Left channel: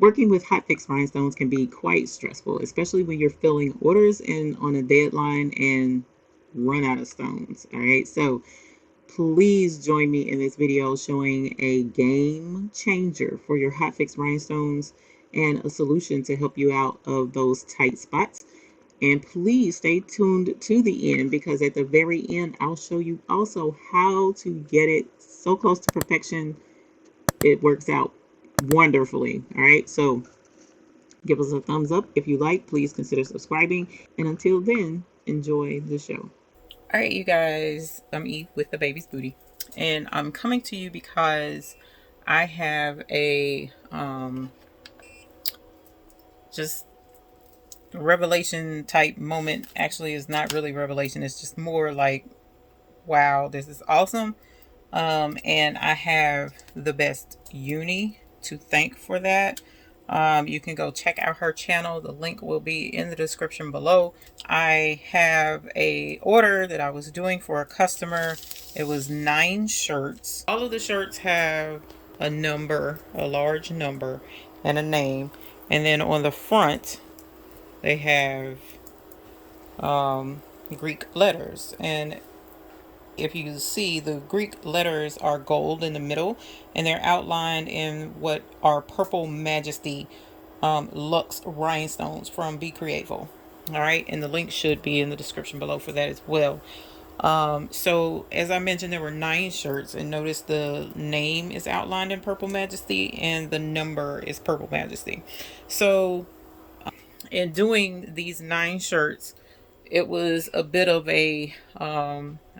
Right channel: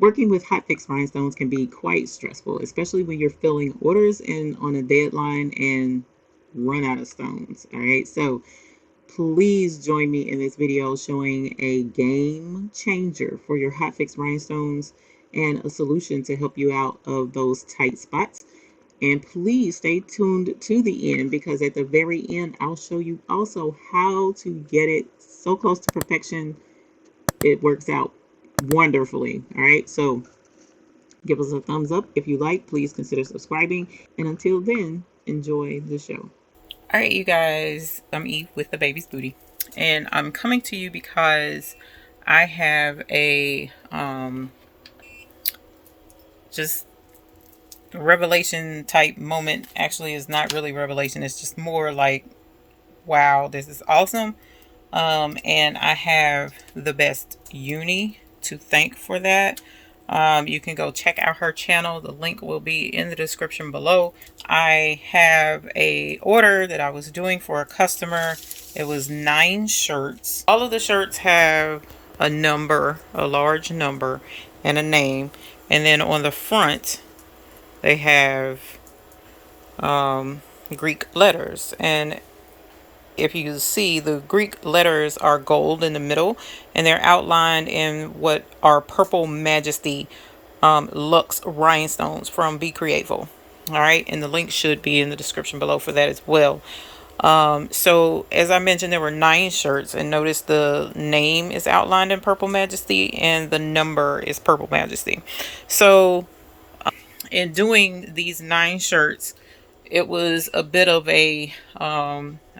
Working with Hotfix Rhinestones can be quite stressful, especially when you're filling orders in on a deadline and run out of stones. All right, so please join me in this video showing a game changer for your Hotfix Rhinestones and a solution to help you out of those tight spots. And please stay tuned to the end because at the very end, I'll show you also how to get it so close to perfection. It works out wonderfully. All right, so give us a thumbs up if you like. Please consider subscribing. And until then, enjoy the show. All right, you guys, I'm Eve with the Baby's Booty, and I'm coming to you because I have a just revelation type moment. Actually, it's not really revelation, it's just more like, wow, this is awesome. And I have the best uni to thank for that. You can go check out her channel. The link will be in the description below. I have a order that I was doing for a customer. It was 9 shirts. All of the shirts have a number, a large number, and a name. And then on the front, they have Greek letters. And if you see, the Greek letters are gold in the middle, and they're outlined in what are Purple Majesty Luxe Rhinestones from Be Createful. All right, and the link should be in the description below for that as well. So as I mentioned, there were 9 shirts, and notice the name is outlined in Purple Majesty and the number is Purple Majesty. So in doing these 9 shirts, it was a bit of a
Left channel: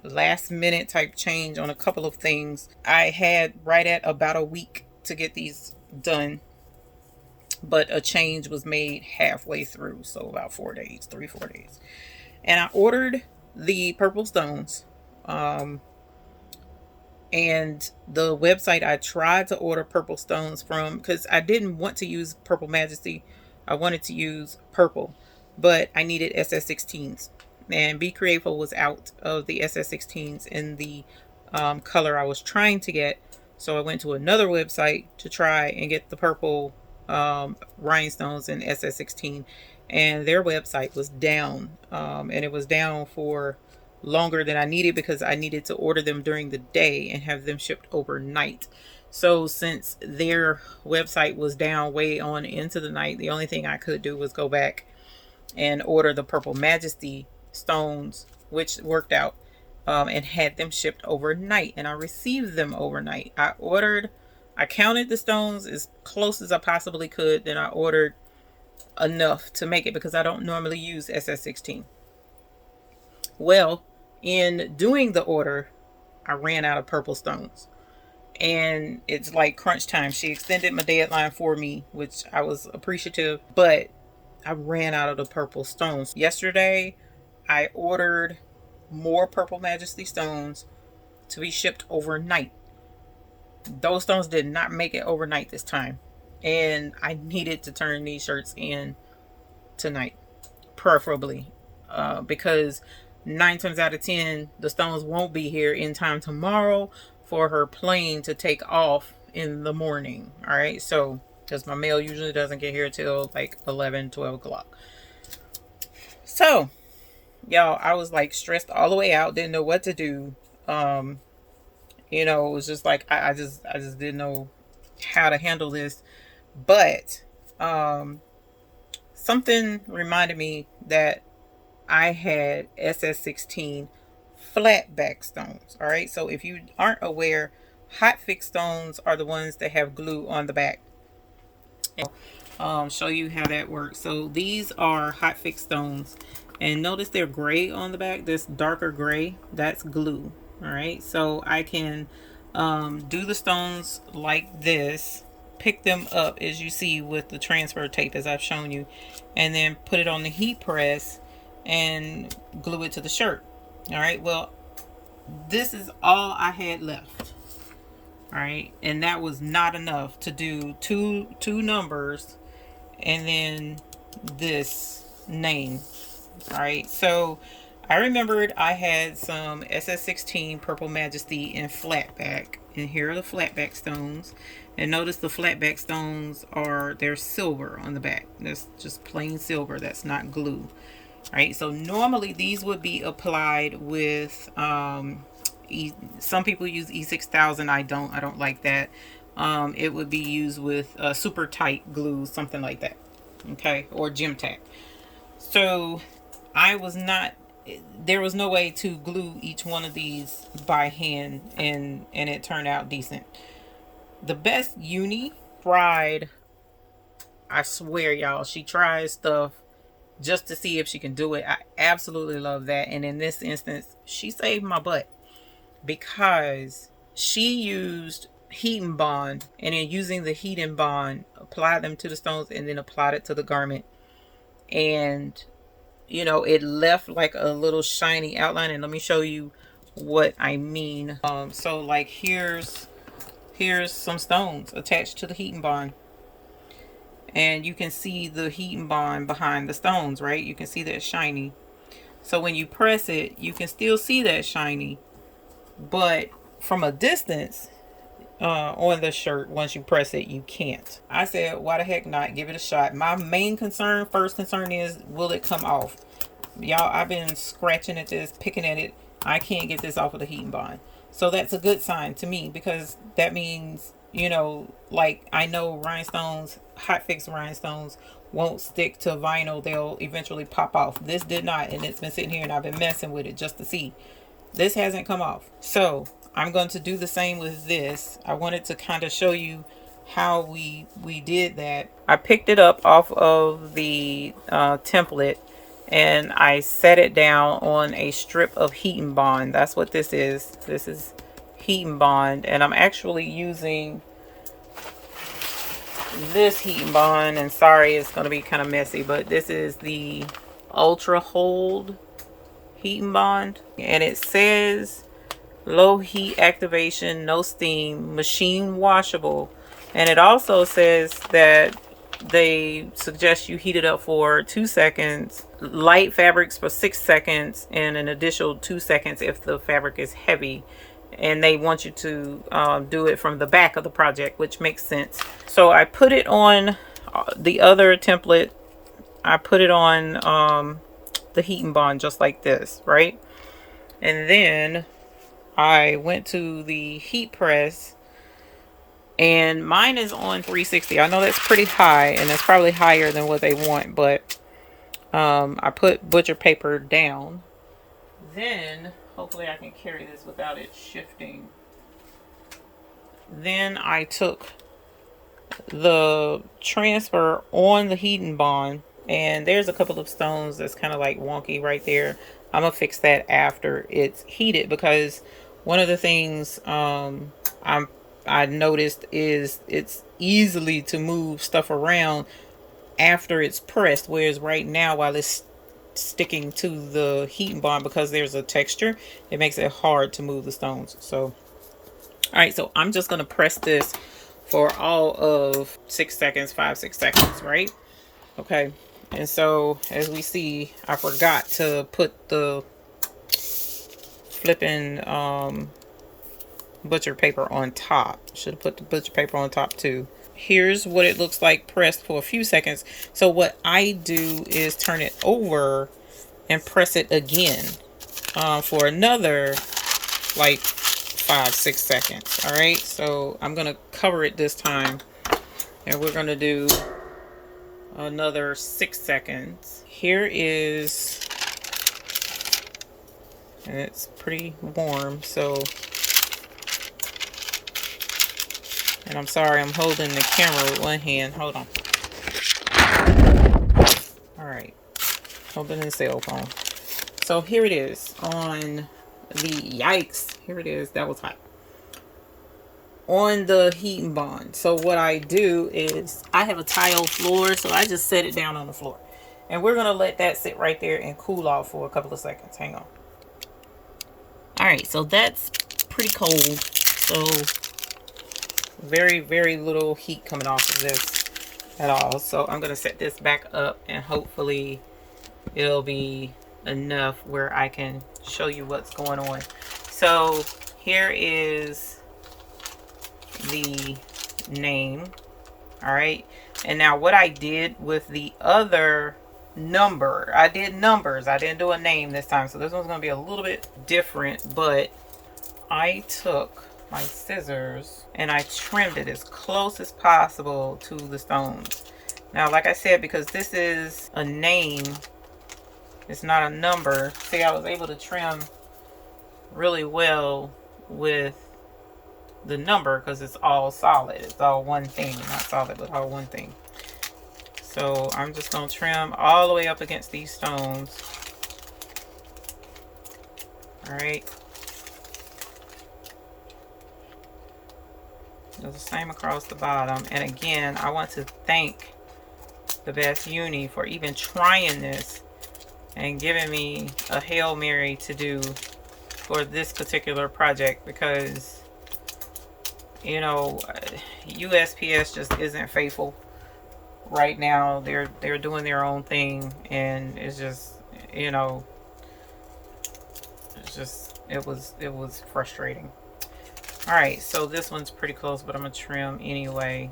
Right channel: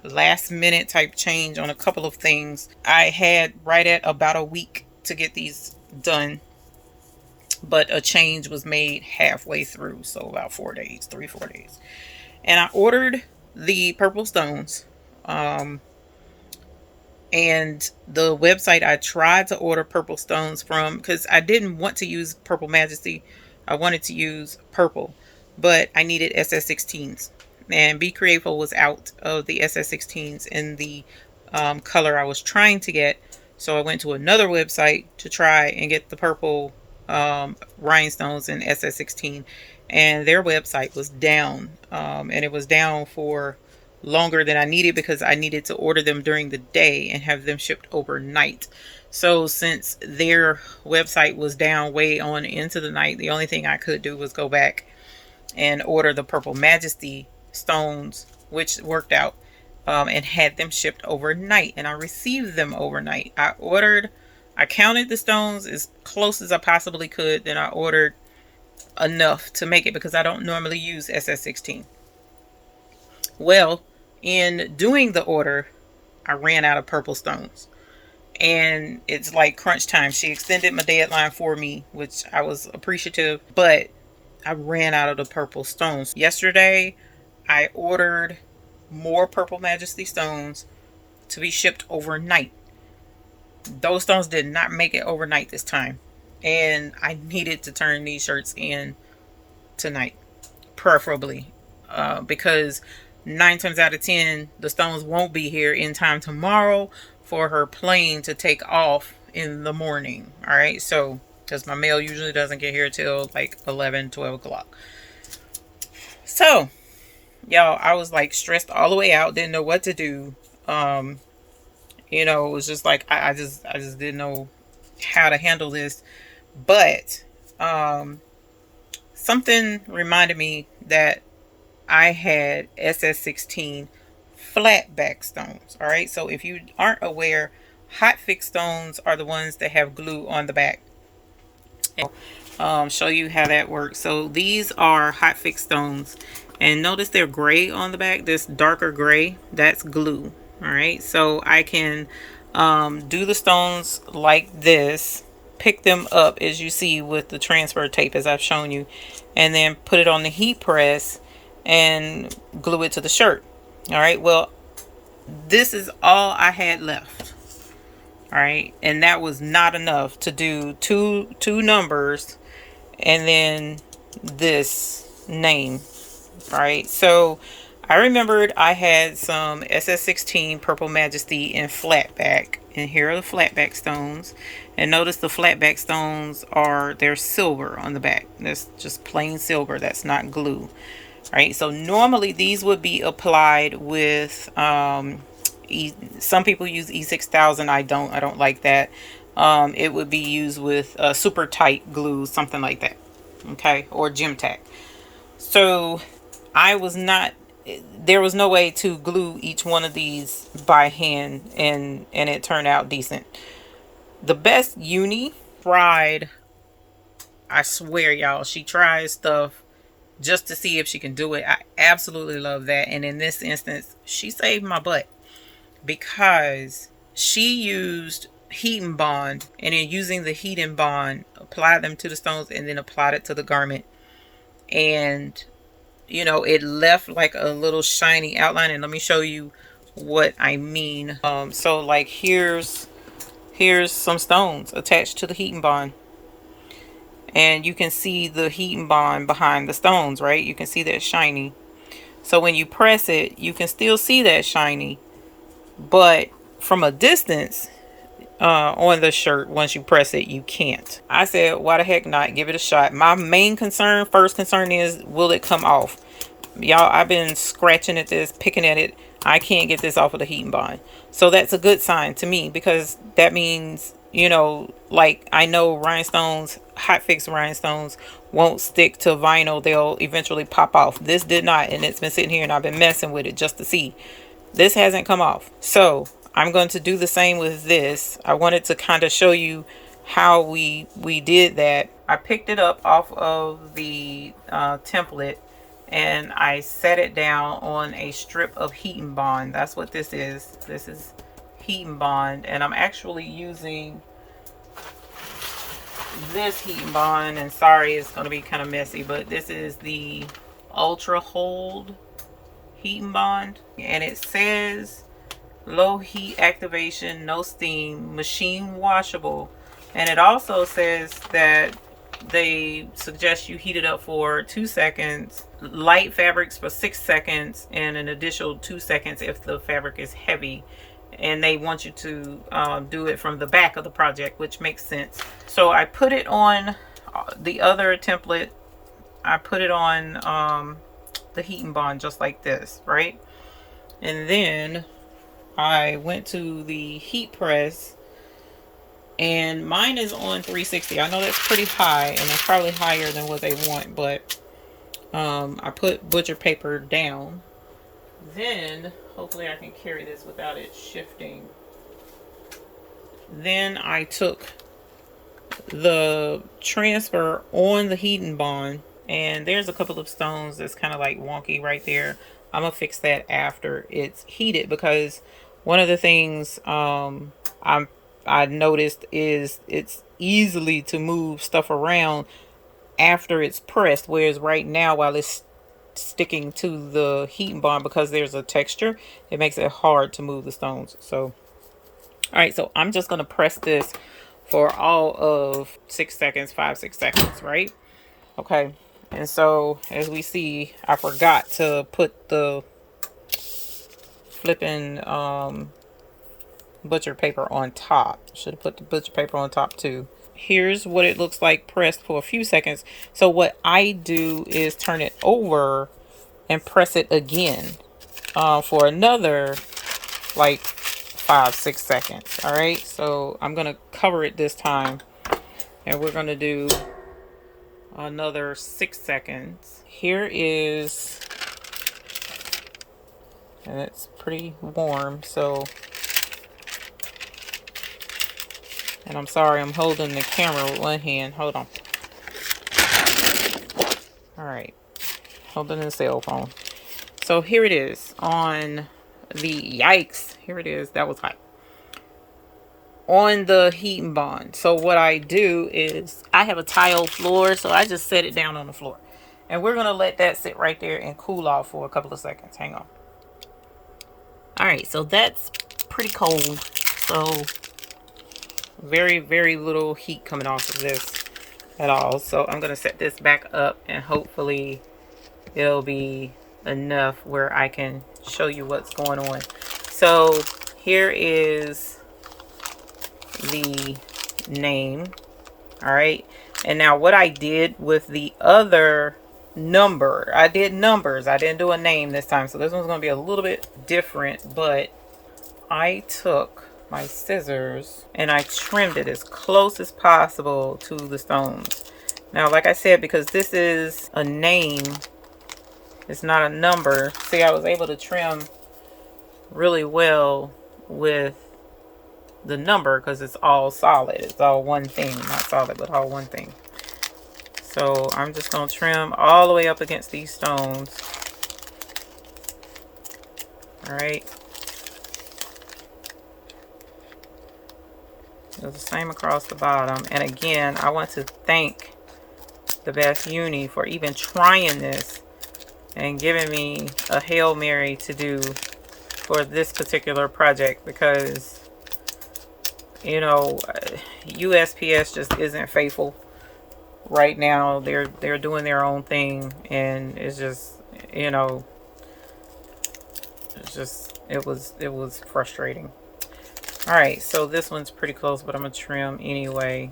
last minute type change on a couple of things. I had right at about a week to get these done, but a change was made halfway through, so about 4 days, 3 4 days. And I ordered the purple stones, and the website I tried to order purple stones from, because I didn't want to use Purple Majesty, I wanted to use purple, but I needed SS16s, and Be Creative was out of the SS16s in the color I was trying to get. So I went to another website to try and get the purple rhinestones in SS16, and their website was down, and it was down for longer than I needed because I needed to order them during the day and have them shipped overnight. So since their website was down way on into the night, the only thing I could do was go back and order the Purple Majesty stones, which worked out, and had them shipped overnight, and I received them overnight. I counted the stones as close as I possibly could, then I ordered enough to make it because I don't normally use SS16. Well, in doing the order, I ran out of purple stones. And it's like crunch time. She extended my deadline for me, which I was appreciative, but I ran out of the purple stones. Yesterday, I ordered more Purple Majesty stones to be shipped overnight. Those stones did not make it overnight this time. And I needed to turn these shirts in tonight, preferably, because 9 times out of 10, the stones won't be here in time tomorrow for her plane to take off in the morning. All right, so because my mail usually doesn't get here till like 11, 12 o'clock. So, y'all, I was like stressed all the way out, didn't know what to do. It was just like I just didn't know how to handle this. But something reminded me that I had SS16 flatback stones. All right, so if you aren't aware, Hotfix stones are the ones that have glue on the back. Show you how that works. So these are Hotfix stones, and notice they're gray on the back. This darker gray, that's glue. All right, so I can do the stones like this, pick them up as you see with the transfer tape as I've shown you, and then put it on the heat press and glue it to the shirt. All right, well, this is all I had left. All right, and that was not enough to do two numbers and then this name. All right, so I remembered I had some SS16 Purple Majesty in flatback, and here are the flatback stones. And notice the flatback stones they're silver on the back. That's just plain silver. That's not glue. Right. So normally these would be applied with some people use E6000. I don't. I don't like that. It would be used with super tight glue, something like that. Okay, or gym tack. So I was not, there was no way to glue each one of these by hand, and it turned out decent. The best uni tried, I swear y'all, she tries stuff just to see if she can do it. I absolutely love that. And in this instance, she saved my butt because she used heat and bond, and in using the heat and bond, applied them to the stones and then applied it to the garment. And it left like a little shiny outline. And let me show you what I mean. So like here's some stones attached to the heat and bond, and you can see the heat and bond behind the stones, right? You can see that shiny. So when you press it, you can still see that shiny, but from a distance, on the shirt, once you press it, you can't. I said, why the heck not? Give it a shot. My main first concern is, will it come off? Y'all, I've been scratching at this, picking at it. I can't get this off of the heat and bond. So that's a good sign to me, because that means, like I know rhinestones, Hotfix rhinestones won't stick to vinyl. They'll eventually pop off. This did not, and it's been sitting here and I've been messing with it just to see. This hasn't come off. So I'm going to do the same with this. I wanted to kind of show you how we did that. I picked it up off of the template, and I set it down on a strip of heat and bond. That's what this is. This is heat and bond, and I'm actually using this heat and bond, and sorry it's going to be kind of messy, but this is the Ultra Hold heat and bond, and it says low heat activation, no steam, machine washable. And it also says that they suggest you heat it up for 2 seconds, light fabrics for 6 seconds, and an additional 2 seconds if the fabric is heavy. And they want you to do it from the back of the project, which makes sense. So I put it on the other template. I put it on the heat and bond just like this, right? And then I went to the heat press, and mine is on 360. I know that's pretty high, and it's probably higher than what they want, but I put butcher paper down. Then hopefully I can carry this without it shifting. Then I took the transfer on the heat and bond, and there's a couple of stones that's kind of like wonky right there. I'm gonna fix that after it's heated, because one of the things I noticed is it's easily to move stuff around after it's pressed, whereas right now, while it's sticking to the heat and bond, because there's a texture, it makes it hard to move the stones. So all right, so I'm just gonna press this for all of 6 seconds, 5-6 seconds, right? Okay. And so as we see, I forgot to put the flipping butcher paper on top. Should have put the butcher paper on top too. Here's what it looks like pressed for a few seconds. So what I do is turn it over and press it again for another like 5-6 seconds. All right, so I'm gonna cover it this time, and we're gonna do another 6 seconds. Here is, and it's pretty warm, so, and I'm sorry, I'm holding the camera with one hand. Hold on. All right, holding the cell phone. So here it is on the, yikes, here it is. That was hot. On the heat and bond. So what I do is, I have a tile floor, so I just set it down on the floor, and we're gonna let that sit right there and cool off for a couple of seconds. Hang on. All right, so that's pretty cold. So very, very little heat coming off of this at all. So I'm gonna set this back up, and hopefully it'll be enough where I can show you what's going on. So here is the name. All right. And now what I did with the other number, I did numbers. I didn't do a name this time. So this one's going to be a little bit different, but I took my scissors and I trimmed it as close as possible to the stones. Now, like I said, because this is a name, it's not a number. See, I was able to trim really well with the number because it's all solid. It's all one thing, not solid, but all one thing. So I'm just going to trim all the way up against these stones. All right. Do the same across the bottom. And again, I want to thank the Best Uni for even trying this and giving me a Hail Mary to do for this particular project, because you know, USPS just isn't faithful right now. They're doing their own thing, and it's just, you know, it's just it was frustrating. All right, so this one's pretty close, but I'm gonna trim anyway.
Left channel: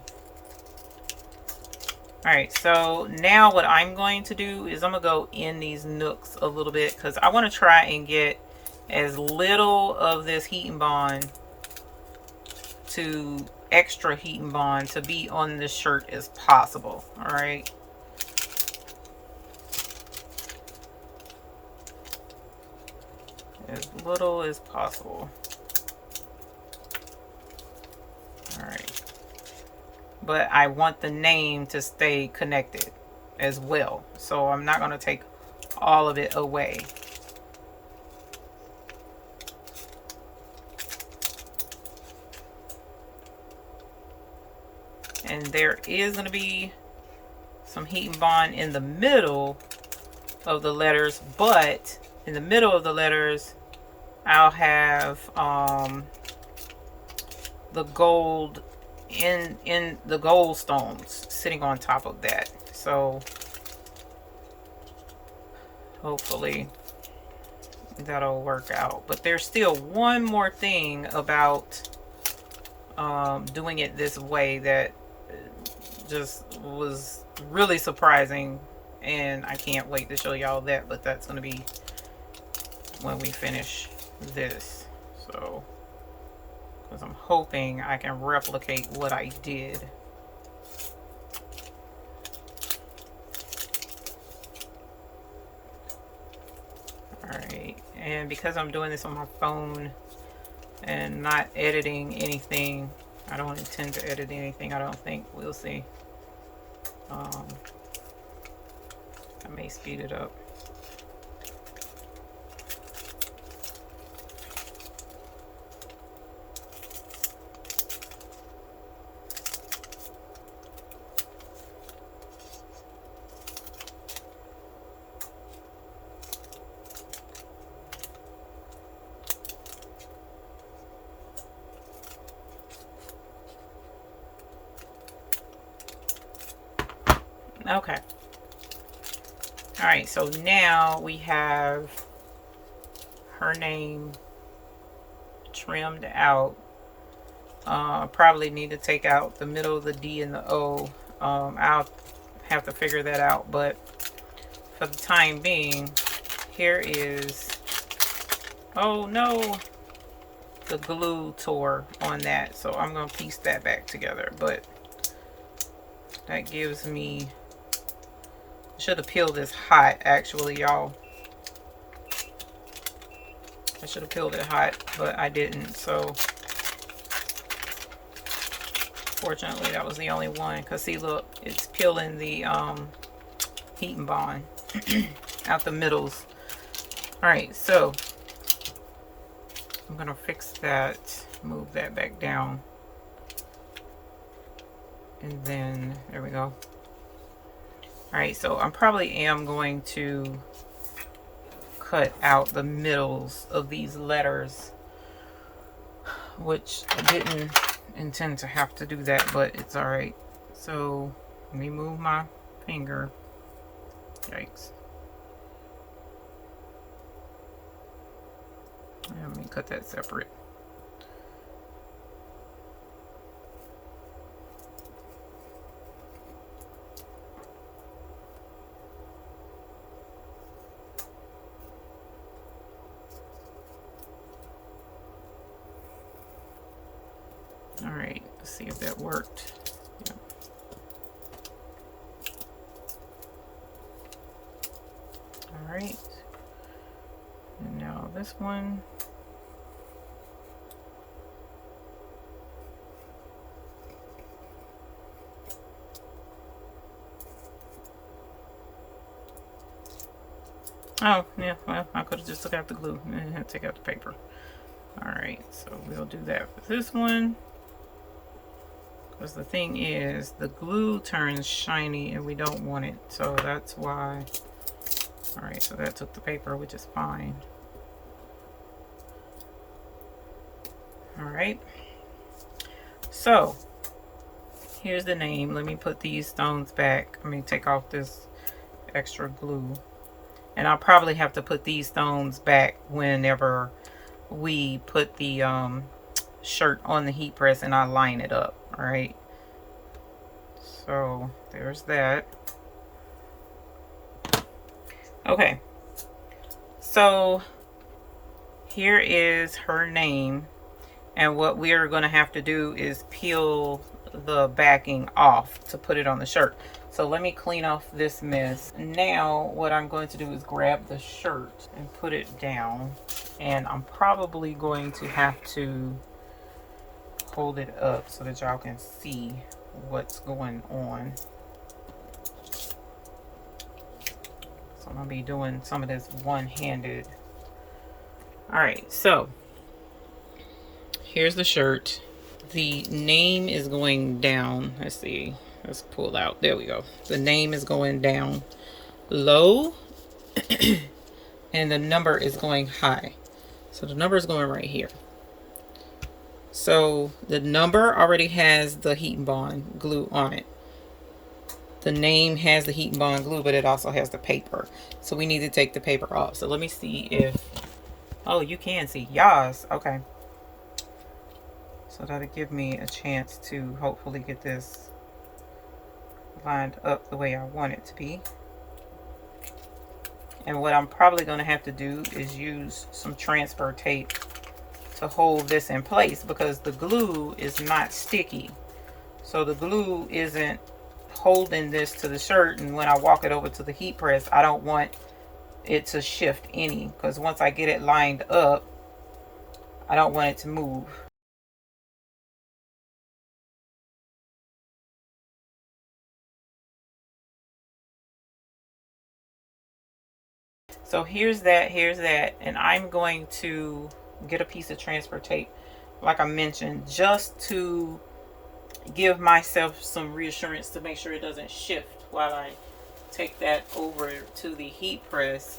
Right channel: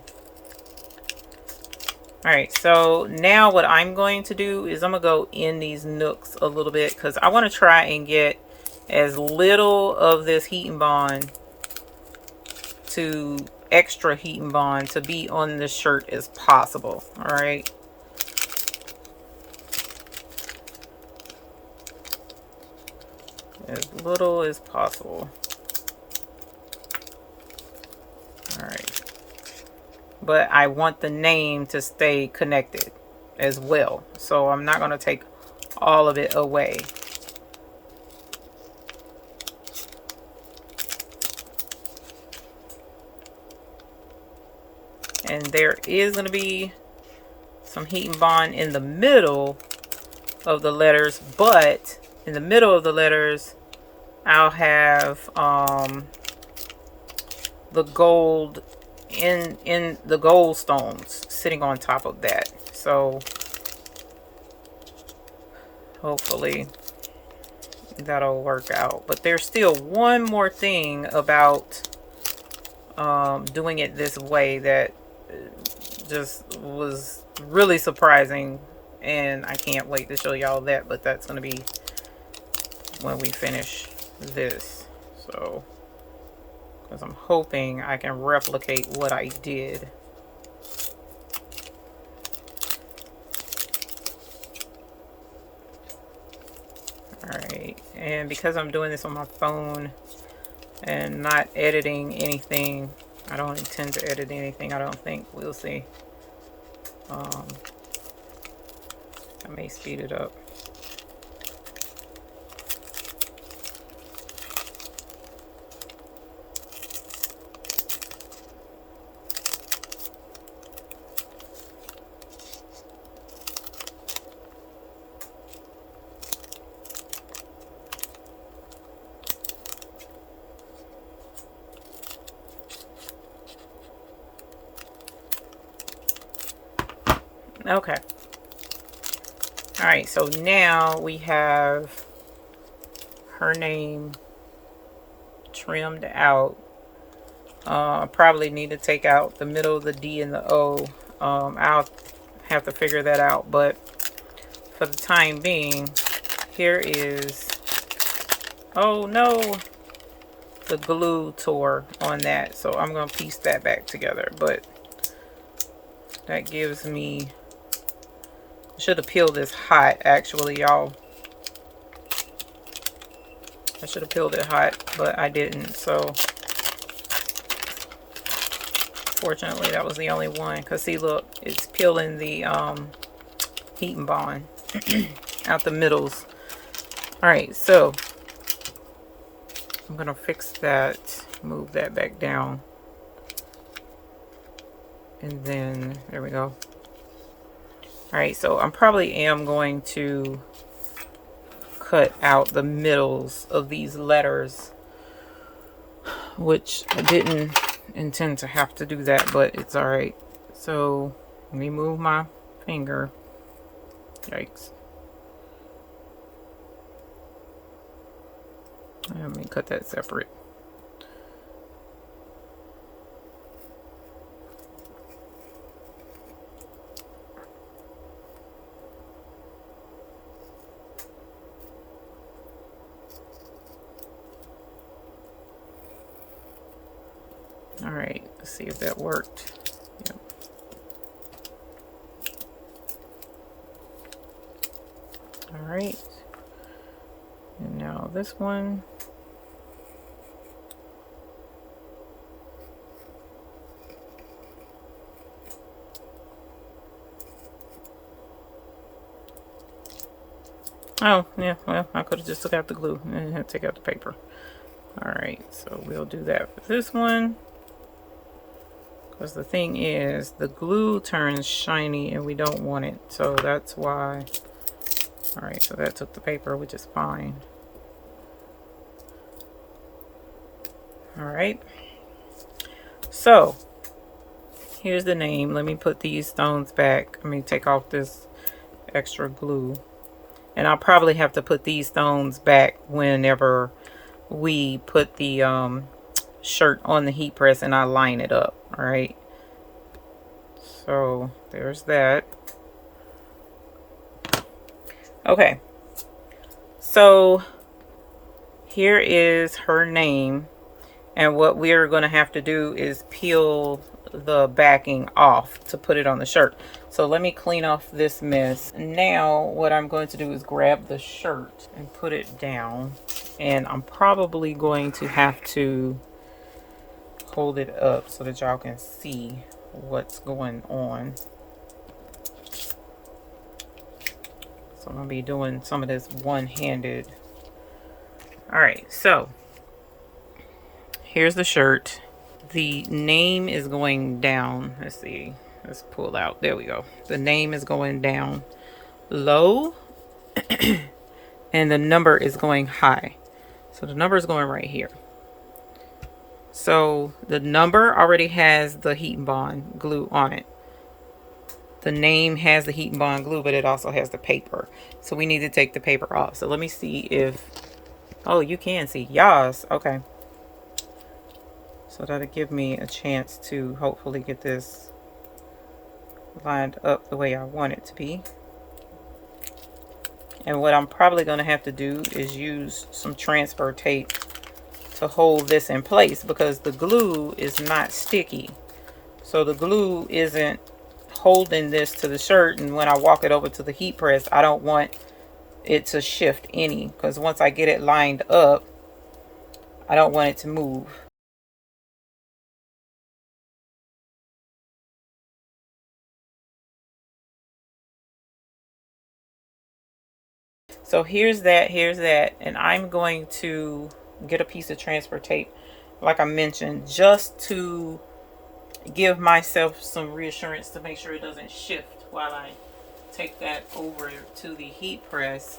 All right, so now what I'm going to do is I'm gonna go in these nooks a little bit because I want to try and get as little of this heat and bond to extra heat and bond to be on the shirt as possible. All right. As little as possible. All right. But I want the name to stay connected as well. So I'm not going to take all of it away. And there is going to be some heat and bond in the middle of the letters, but in the middle of the letters I'll have the gold in the gold stones sitting on top of that. So hopefully that'll work out. But there's still one more thing about doing it this way that just was really surprising, and I can't wait to show y'all that, but that's going to be when we finish this. So, because I'm hoping I can replicate what I did. Alright, and because I'm doing this on my phone and not editing anything, I don't intend to edit anything, I don't think. We'll see. I may speed it up. Okay. All right, so now we have her name trimmed out. I probably need to take out the middle of the D and the O. I'll have to figure that out, but for the time being, here is, oh no, the glue tore on that, so I'm gonna piece that back together. But that gives me, should have peeled this hot, actually, y'all. I should have peeled it hot, but I didn't. So fortunately, that was the only one. Because see, look, it's peeling the heat and bond out the middles. All right, so I'm gonna fix that, move that back down, and then there we go. All right, so I probably am going to cut out the middles of these letters, which I didn't intend to have to do that, but it's all right. So let me move my finger. Yikes. cut that separate. All right, let's see if that worked. Yep. All right, and now this one. Oh, yeah, well, I could have just took out the glue and had to take out the paper. All right, so we'll do that for this one. Because the thing is, the glue turns shiny and we don't want it. So that's why. All right, so that took the paper, which is fine. All right. So here's the name. Let me put these stones back. Let me take off this extra glue. And I'll probably have to put these stones back whenever we put the shirt on the heat press and I line it up. All right. So there's that. Okay. So here is her name. And what we're going to have to do is peel the backing off to put it on the shirt. So let me clean off this mess. Now what I'm going to do is grab the shirt and put it down. And I'm probably going to have to hold it up so that y'all can see what's going on. So I'm going to be doing some of this one-handed. All right, so here's the shirt. The name is going down. Let's see. Let's pull out. There we go. The name is going down low and the number is going high. So the number is going right here. So the number already has the heat and bond glue on it. The name has the heat and bond glue, but it also has the paper. So we need to take the paper off. So let me see if, oh, you can see. Yas. Okay. So that'll give me a chance to hopefully get this lined up the way I want it to be. And what I'm probably going to have to do is use some transfer tape to hold this in place because the glue is not sticky. So the glue isn't holding this to the shirt, and when I walk it over to the heat press, I don't want it to shift any, because once I get it lined up, I don't want it to move. So here's that, and I'm going to get a piece of transfer tape, like I mentioned, just to give myself some reassurance to make sure it doesn't shift while I take that over to the heat press.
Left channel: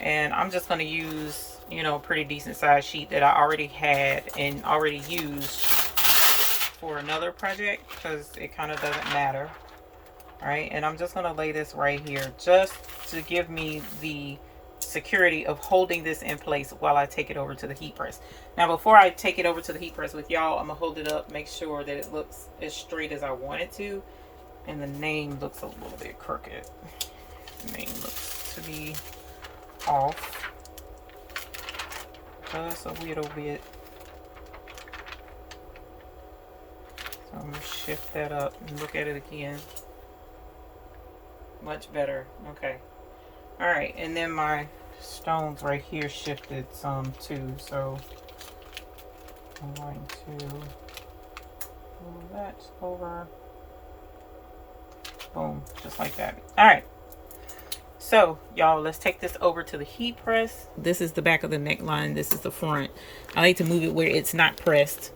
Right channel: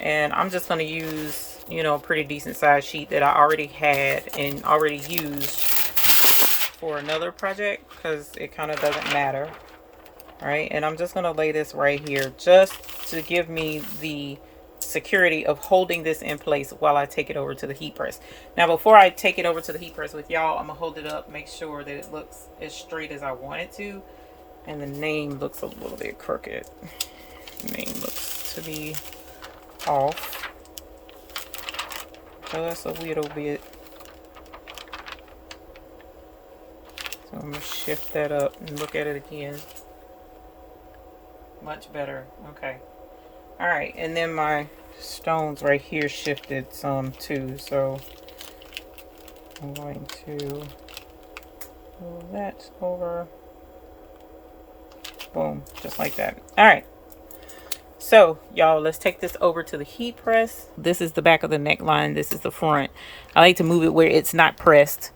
And I'm just going to use, you know, a pretty decent size sheet that I already had and already used for another project, because it kind of doesn't matter. All right, and I'm just going to lay this right here just to give me the security of holding this in place while I take it over to the heat press. Now before I take it over to the heat press with y'all, I'm gonna hold it up, make sure that it looks as straight as I want it to, and the name looks a little bit crooked. The name looks to be off just a little bit, so I'm gonna shift that up and look at it again. Much better. Okay. All right, and then my stones right here shifted some too, so I'm going to move that over. Boom, just like that. All right, so y'all, let's take this over to the heat press. This is the back of the neckline, this is the front. I like to move it where it's not pressed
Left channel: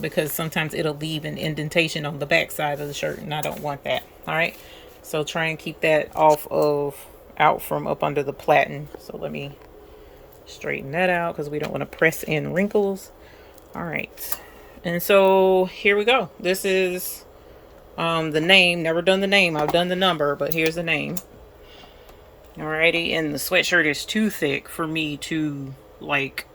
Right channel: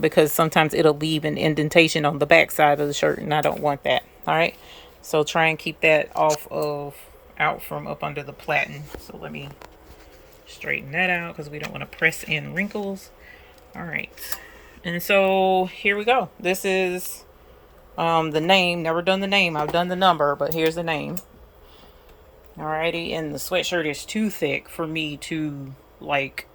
because sometimes it'll leave an indentation on the back side of the shirt, and I don't want that. All right, so try and keep that out from up under the platen. So let me straighten that out because we don't want to press in wrinkles. All right, and so here we go. This is the name. Never done the name, I've done the number, but here's the name. Alrighty, and the sweatshirt is too thick for me to like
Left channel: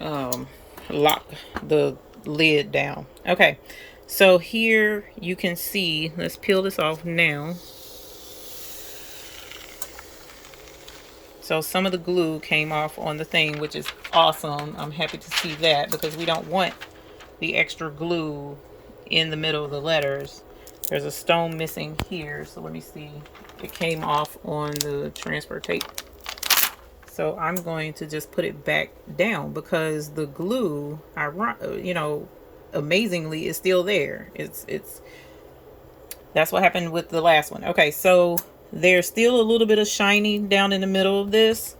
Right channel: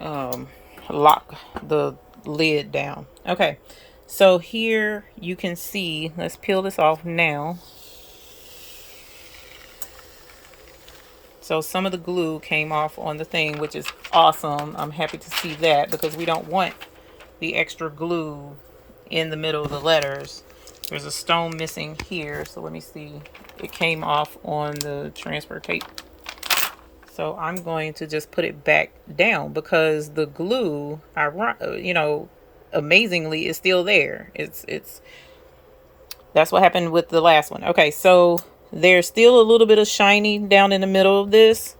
lock the lid down. Okay, so here you can see, let's peel this off now. So some of the glue came off on the thing, which is awesome. I'm happy to see that because we don't want the extra glue in the middle of the letters. There's a stone missing here, so let me see. It came off on the transfer tape. So I'm going to just put it back down because the glue, amazingly is still there. It's that's what happened with the last one. Okay, so there's still a little bit of shiny down in the middle of this.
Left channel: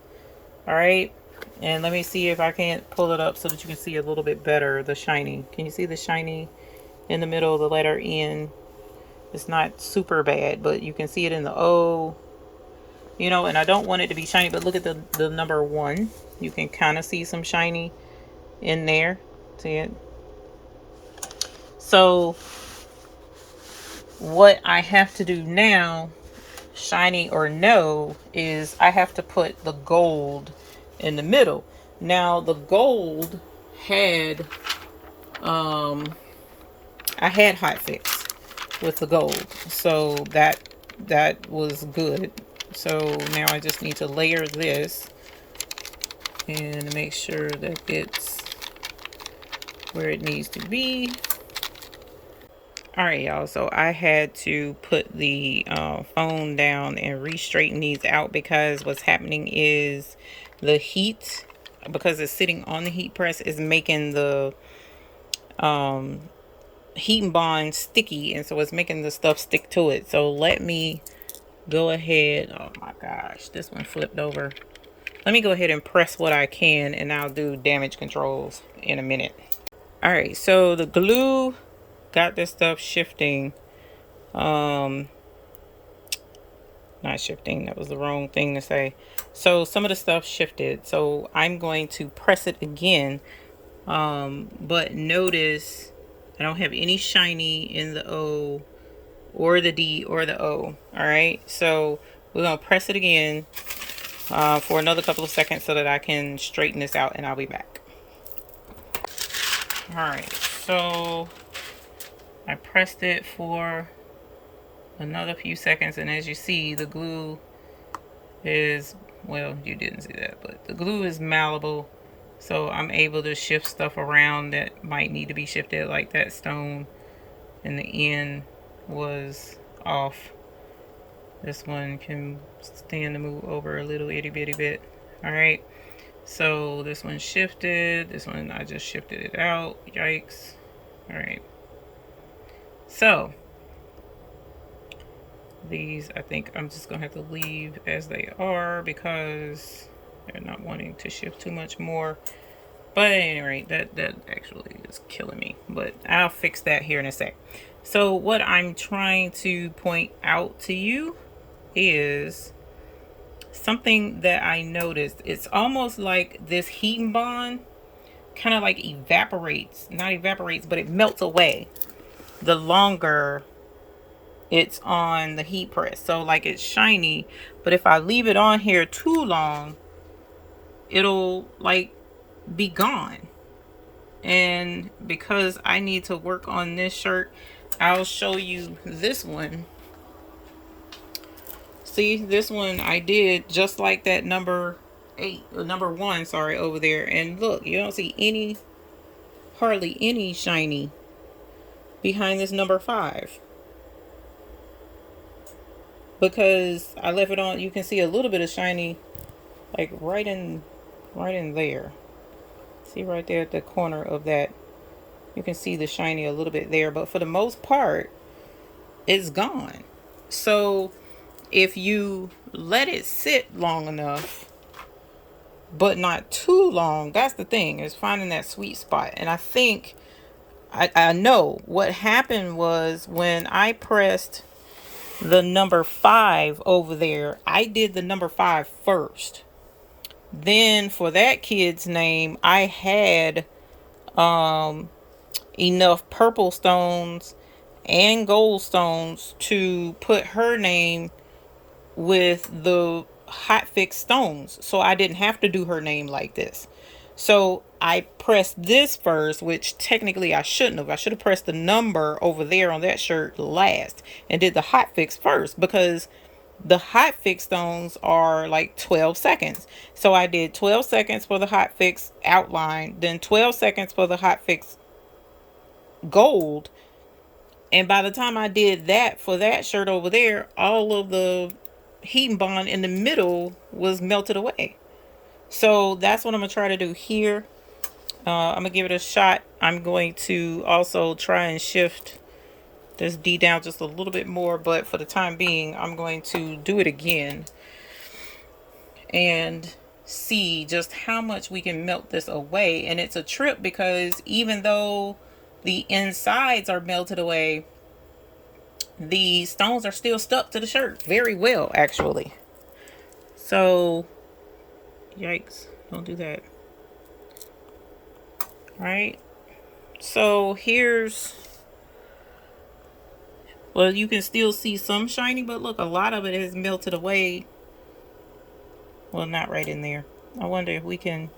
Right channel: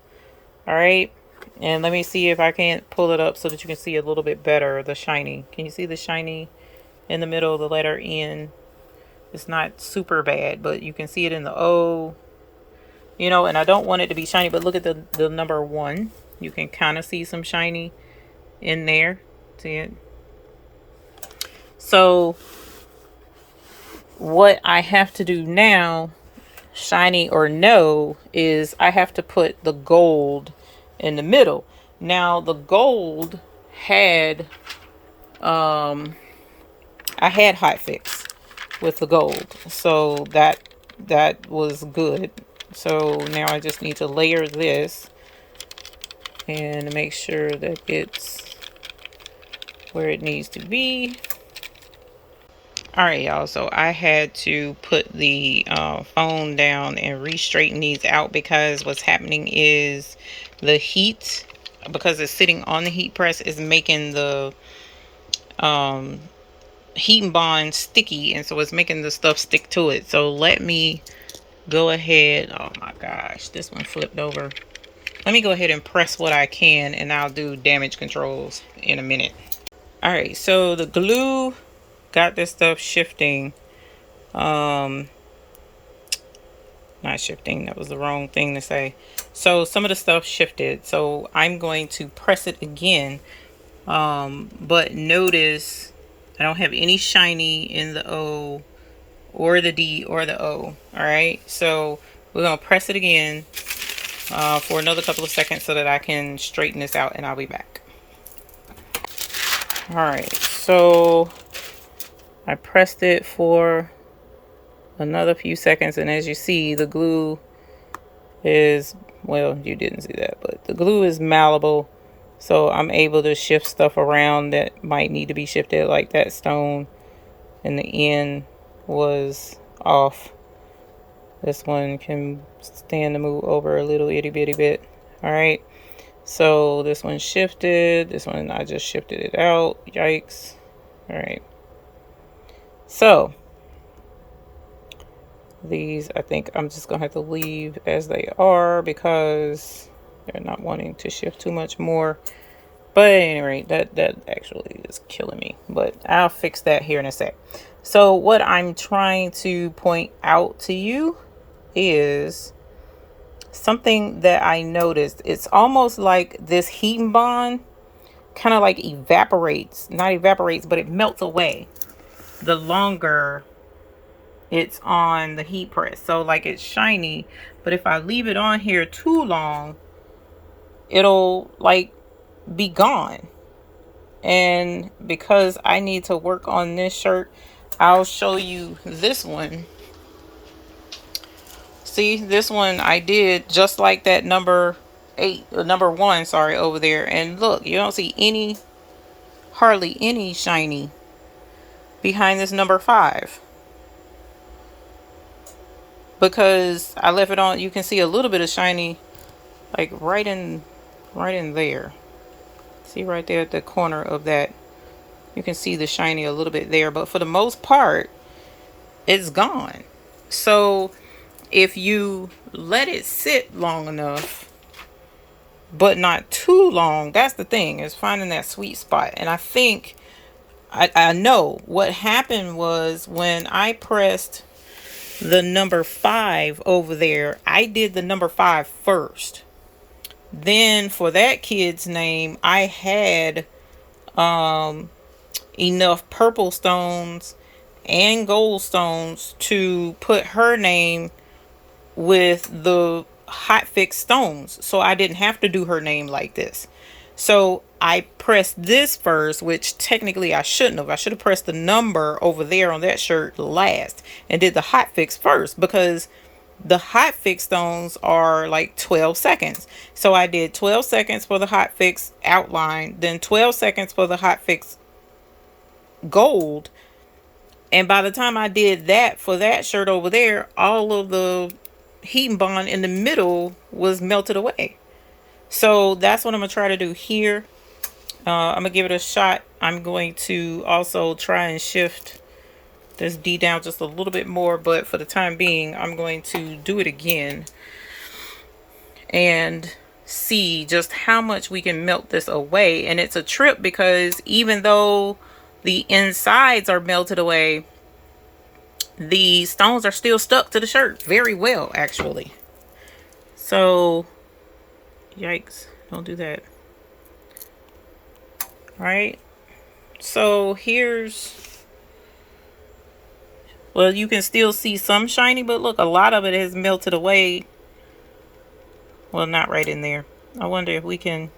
All right. And let me see if I can't pull it up so that you can see a little bit better the shiny. Can you see the shiny in the middle of the letter N? It's not super bad, but you can see it in the O. And I don't want it to be shiny, but look at the number 1. You can kind of see some shiny in there. See it? So what I have to do now, shiny or no, is I have to put the gold in the middle. Now the gold had I had Hotfix with the gold, so that was good. So now I just need to layer this and make sure that it's where it needs to be. All right, y'all, so I had to put the phone down and re-straighten these out because what's happening is the heat, because it's sitting on the heat press, is making the heat and bond sticky, and so it's making the stuff stick to it. So let me go ahead. Oh my gosh, this one flipped over. Let me go ahead and press what I can, and I'll do damage controls in a minute. All right, so the glue got this stuff shifting. Not shifting, that was the wrong thing to say. So some of the stuff shifted, so I'm going to press it again. But notice I don't have any shiny in the O or the D or the O. All right, so we're gonna press it again for another couple of seconds so that I can straighten this out, and I'll be back. All right, so I pressed it for another few seconds, and as you see, the glue is, well, you didn't see that, but the glue is malleable, so I'm able to shift stuff around that might need to be shifted, like that stone and the end was off. This one can stand to move over a little itty bitty bit. All right, so this one shifted, this one I just shifted it out. Yikes. All right, so these I think I'm just gonna have to leave as they are because they're not wanting to shift too much more. But anyway, that actually is killing me, but I'll fix that here in a sec. So what I'm trying to point out to you is something that I noticed. It's almost like this heat and bond kind of like evaporates, not evaporates, but it melts away the longer it's on the heat press. So like it's shiny, but if I leave it on here too long, it'll like be gone. And because I need to work on this shirt, I'll show you this one. See, this one I did just like that number 1, sorry, over there. And look, you don't see hardly any shiny behind this number 5. Because I left it on, you can see a little bit of shiny like right in there. See right there at the corner of that, you can see the shiny a little bit there, but for the most part it's gone. So if you let it sit long enough but not too long, that's the thing, is finding that sweet spot. And I think I know what happened was when I pressed the number 5 over there, I did the number 5 first. Then for that kid's name, I had enough purple stones and gold stones to put her name with the Hotfix stones, so I didn't have to do her name like this. So I pressed this first, which technically I shouldn't have. I should have pressed the number over there on that shirt last and did the hot fix first, because the hot fix stones are like 12 seconds. So I did 12 seconds for the hot fix outline, then 12 seconds for the hot fix gold. And by the time I did that for that shirt over there, all of the heat and bond in the middle was melted away. So that's what I'm going to try to do here. I'm going to give it a shot. I'm going to also try and shift this D down just a little bit more, but for the time being, I'm going to do it again and see just how much we can melt this away. And it's a trip because even though the insides are melted away, the stones are still stuck to the shirt very well, actually. So, yikes, don't do that. All right. So here's, well, you can still see some shiny, but look, a lot of it has melted away. Well, not right in there. I wonder if we can,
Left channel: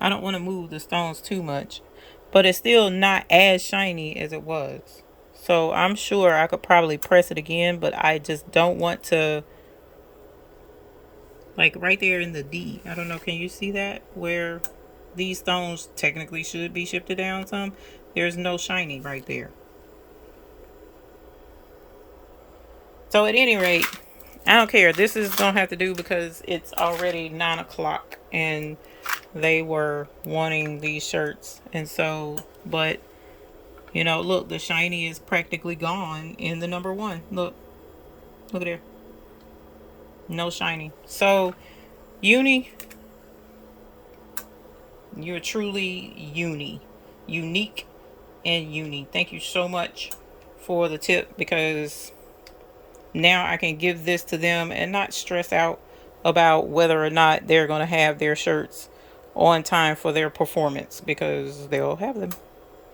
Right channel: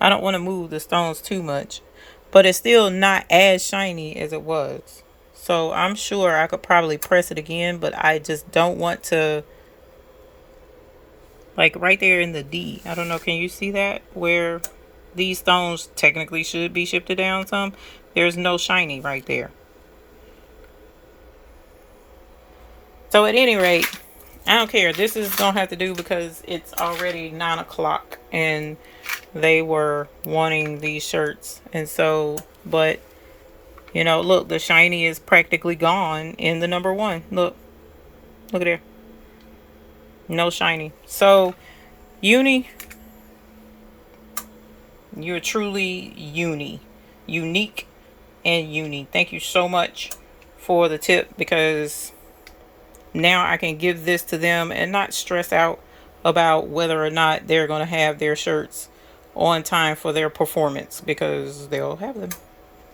I don't want to move the stones too much, but it's still not as shiny as it was. So I'm sure I could probably press it again, but I just don't want to, like right there in the D. I don't know, can you see that? Where these stones technically should be shifted down some. There's no shiny right there. So at any rate, I don't care. This is going to have to do because it's already 9 o'clock and they were wanting these shirts. And so, but, you know, look, the shiny is practically gone in the number one. Look at there. No shiny. So, Uni, you're truly unique and uni. Thank you so much for the tip, because now I can give this to them and not stress out about whether or not they're going to have their shirts on time for their performance, because they'll have them.